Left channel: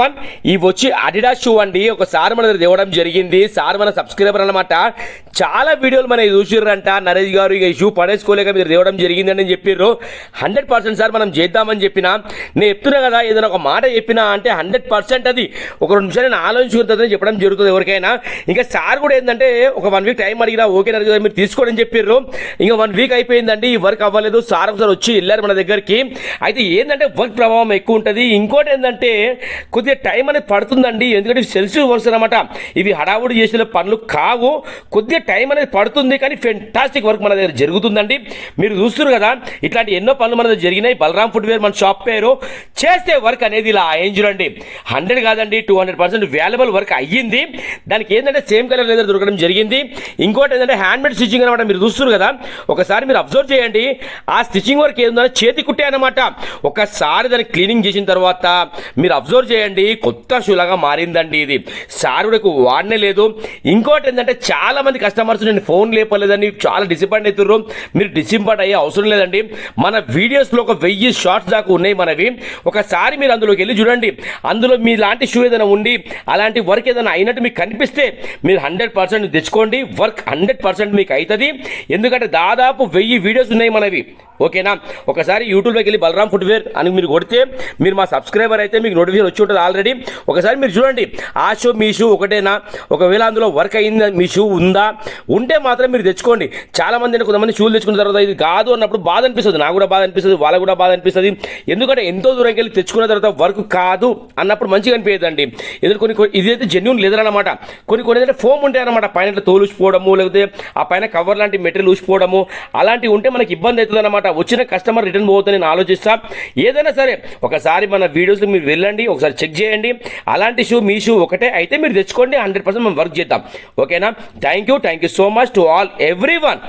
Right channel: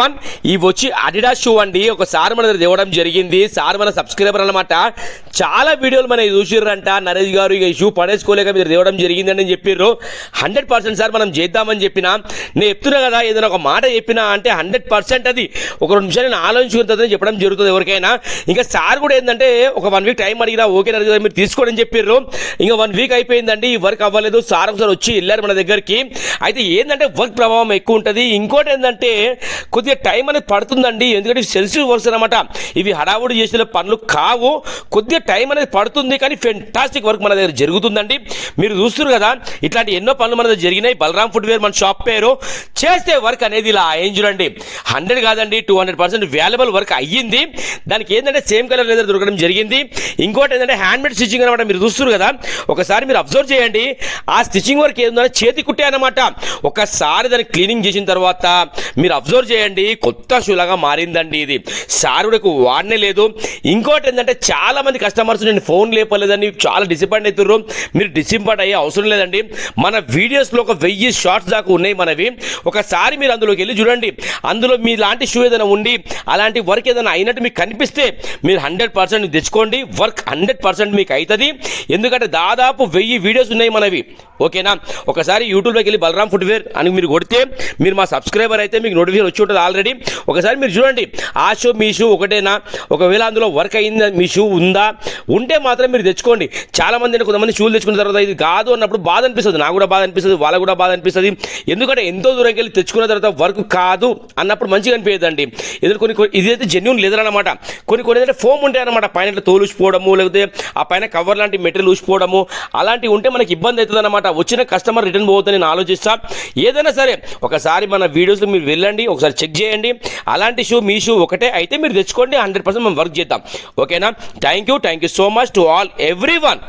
One ఇవి వచ్చి Adidas shoe అండి. ఒకసారి మన దగ్గర తేవడం జరిగింది. సార్ మన సబ్స్క్రైబర్ అనమాట. చాలా వీడియోలు మన చూసిర్రంట. నరేష్ గారు ఇక ఈ షూ పడేసుకోలేక మీరు తేవడం జరిగింది అని చెప్పిర్రు. 100% సార్ మనం చేద్దామని చెప్పినా. నేను చెప్తున్నా కదా, ఏదైనా ఒక మాట చెప్పినా అంటే 100% అది ఒక 2 నిమిషాలు నేను ఆలోచించుకుంటుందని చెప్పడం జరుగుతుంది ఎవరికైనా. ఇంకా సార్ కూడా ఏంటంటే ఒక 1 వీక్ టైం అడిగినా ఓకే నరేష్ గారు మీరు తీసుకోండి అని చెప్పిర్రు. ఇంకా 1 వీక్ అయిపోయిందండి, ఈ వర్క్ అవ్వలేదు. సార్ ఒకసారి వచ్చి వెళ్ళారు మన దగ్గరికి. అయితే ఏంటంటే వర్క్ ప్రభావం ఎక్కువ ఉంటుంది. ఇంకోటి ఏంటంటే కొద్దిగా టైం అనేది పడుతుందండి, ఎందుకంటే సెన్సిటివ్ వర్క్స్ అనమాట. ఇవి హడావుడి చేసిన పనులు కావు, కొద్దిగా టైం అనేది పడుతుంది. కానీ ఫెంటాస్టిక్ వర్క్ మన దగ్గర జరుగుతుందండి. మీరు చూస్తున్నారు కదా, ఇట్లాంటి ఎన్నో పనులు మన దగ్గర జరిగినాయి. బలరాం ఫుట్వేర్ మన షాప్ పేరు. చేస్తే వర్క్ అనేది ఇలా ఏం చూడండి, 100 కాదండి 200% వాల్యుబుల్ వర్క్ అయ్యింది. దానికి ఏంటంటే సేమ్ కలర్ లెదర్ దొరకడం జరిగింది. ఇంకోటి ఏంటంటే హ్యాండ్ మేడ్ స్టిచ్చింగ్ అనమాట. మీరు చూస్తున్నారు కదా, ఒకసారి మీరు అబ్జర్వ్ చేయండి. ఆ స్టిచ్చింగ్ వర్క్ ఏంటంటే చేతి కుట్టే అనమాట. ఒకసారి దాన్ని క్లీనింగ్ చేసిన తర్వాత మీరు అబ్జర్వ్ చేయండి, కొత్త షూలాగా మారిందండి. ఇది సార్ కూడా వాడనే లేదు. ఇంకోటి ఏంటంటే చాలా మంది కస్టమర్స్ నేను ఫోన్ లేపలేదని చాలా డిసప్పాయింట్ అవుతుర్రు. మీరు డిసప్పాయింట్ అయ్యే అవసరం లేదండి. మన వీడియోస్లో ఒక 1000 షార్ట్స్ దాకా ఉన్నాయి మనవి. ఒకసారి మీరు అందులోకి వెళ్ళి చూడండి. అందులో మీ లాంటి షూ ఏదైనా ఉండి అలాంటి వర్క్ ఏదైనా అయినట్టు మీకు కనిపిస్తే మీరు 100% తెచ్చుకోండి. వర్క్ 100% మీకు అవుతుంది. ఎందుకంటే దాదాపు 1000 వీడియోస్ ఉన్నాయి మనవి. ఓకేనా, ఒకసారి యూట్యూబ్లోకి వెళ్ళి బలరాం ఫుట్వేర్ అని మీరు కొడితే మీరు మా సబ్స్క్రైబర్ అయితే మీకు నోటిఫికేషన్ వచ్చి ఉంటుంది ఆల్రెడీ. ఒకసారి మీరు చూడండి, ఆ షూ మీ షూ ఒకటేనా, ఒకవేళ అందులో వర్క్ అయిందా, మీ షూ ఉందా, ఉంటే మాత్రం మీరు తెచ్చుకోండి. చాలా మంది కొంతమంది షూలు తెచ్చుకున్న తర్వాత ఇది కాదు అన్నప్పుడు బాధ అనిపిస్తుంది. నాకు కూడా బాధ అనిపిస్తుంది, వాళ్ళకు కూడా బాధ అనిపిస్తుంది. ఎందుకంటే ఎంతో దూరంకి వెళ్ళి తెచ్చుకున్న తర్వాత వర్క్ కాదు అన్నప్పుడు మంచిగా అనిపించదండి. ఎందుకంటే కొన్ని ఇదైతే జెన్యూన్ లెదర్ అనమాట. కొన్ని ఏంటంటే ఫోమ్ ఉంటాయి అనమాట, పైన తోలు ఊసిపోవడము, లేకపోతే ఆ పైన కవర్ లాంటి మెటీరియల్ ఊసిపోవడము, అలాంటివి ఉంటే మనకి ఇబ్బంది అవుతుంది అనమాట. వచ్చిన కస్టమర్ రిటర్న్ పోతుందని నేను ఆలోచిస్తా. ఏదైనా సరే ఒకసారి మన వీడియోస్లో మీరు వెళ్ళండి, ఒకసారి చెక్ చేయండి. అలాంటి షూ మీ షూ ఒకటే అయితే మీరు తెచ్చుకోండి. 100% మనం వర్క్ చేద్దాం. ఓకేనా, thank you so much to all every one.